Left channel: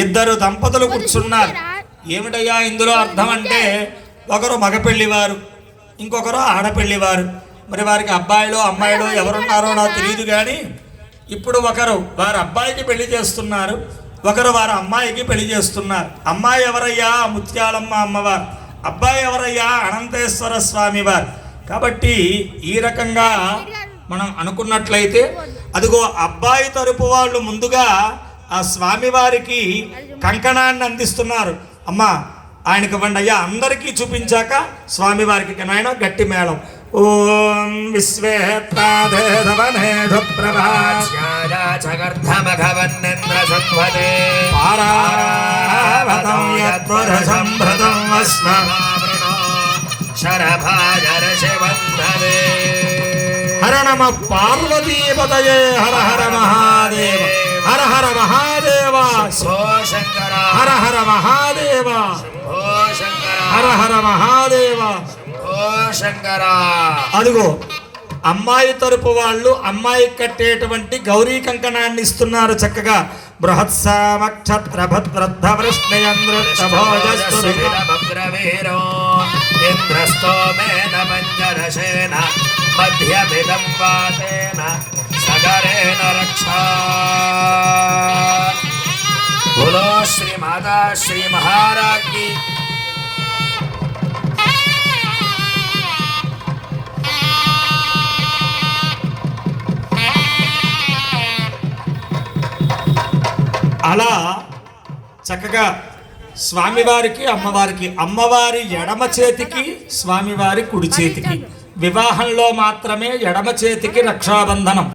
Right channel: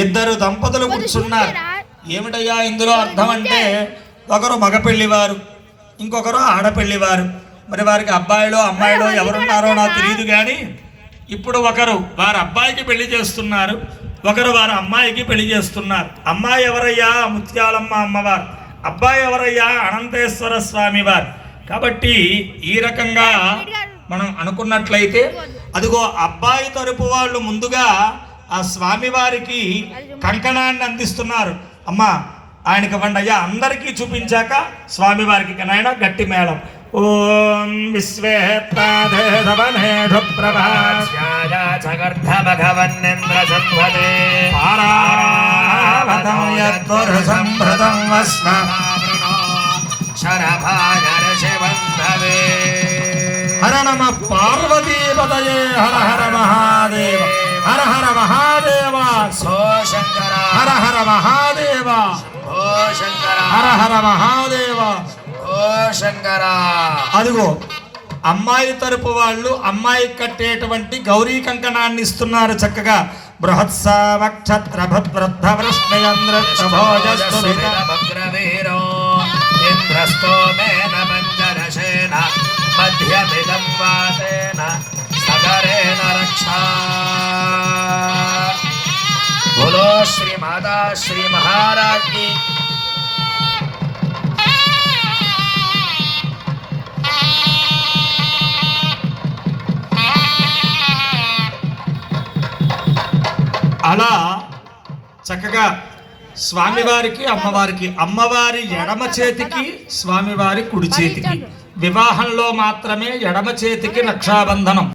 ఇద్దరు దంపతులు కూర్చున్నారు. ఏమిటయ్యా ఇందులో అర్థం అంటే, ఒకరు మగ పెళ్లివారు, ఇంకొకరు ఆడపెళ్లివారు. మరి వారికి అబ్బాయిలో అమ్మాయిలో ఎవరున్నారో నాకు తెలియదు, కానీ ఇప్పుడు ఒకరు వారి అబ్బాయికి పెళ్లి చేస్తున్నారు, ఒకరు వారి అమ్మాయికి పెళ్లి చేస్తున్నారు. అమ్మాయి ఎవరయ్యా? ముత్యాలమ్మ అమ్మవారు. అబ్బాయి ఎవరయ్యా? అనంతేశ్వర స్వామి వారు. కాబట్టి ఈ రకంగా మనం అనుకున్నట్లయితే, అదిగో అబ్బాయి తరపు వాళ్ళు ముందుగా ఆ స్వామివారికి కంకణాన్ని అందిస్తున్నారు. అమ్మా ఆయనకి ఇవ్వండి అయ్యా, అందరికీ చూపించాక స్వామివారికి నాయన గట్టి మేళం. ఓం హర నమ పార్వతీపతయే హర హర మహాదేవ హర హర మహాదేవ శంకర హర హర మహాదేవ శంకర హర హర మహాదేవ శంకర. అదిగో అమ్మాయి తరపు వాళ్ళు అమ్మాయికి కట్టేటువంటి గౌరీ కంకణాన్ని ఇస్తున్నారు చక్కగా. बोलो श्री माता श्री महाराज की. అలా చక్కగా స్వామివారికి అమ్మవారికి, అమ్మవారి ఎడమ చేతికి స్వామివారి కుడి చేతికి, వివాహంలో మాత్రమే ఎడమ చేతికి రక్షాబంధనం.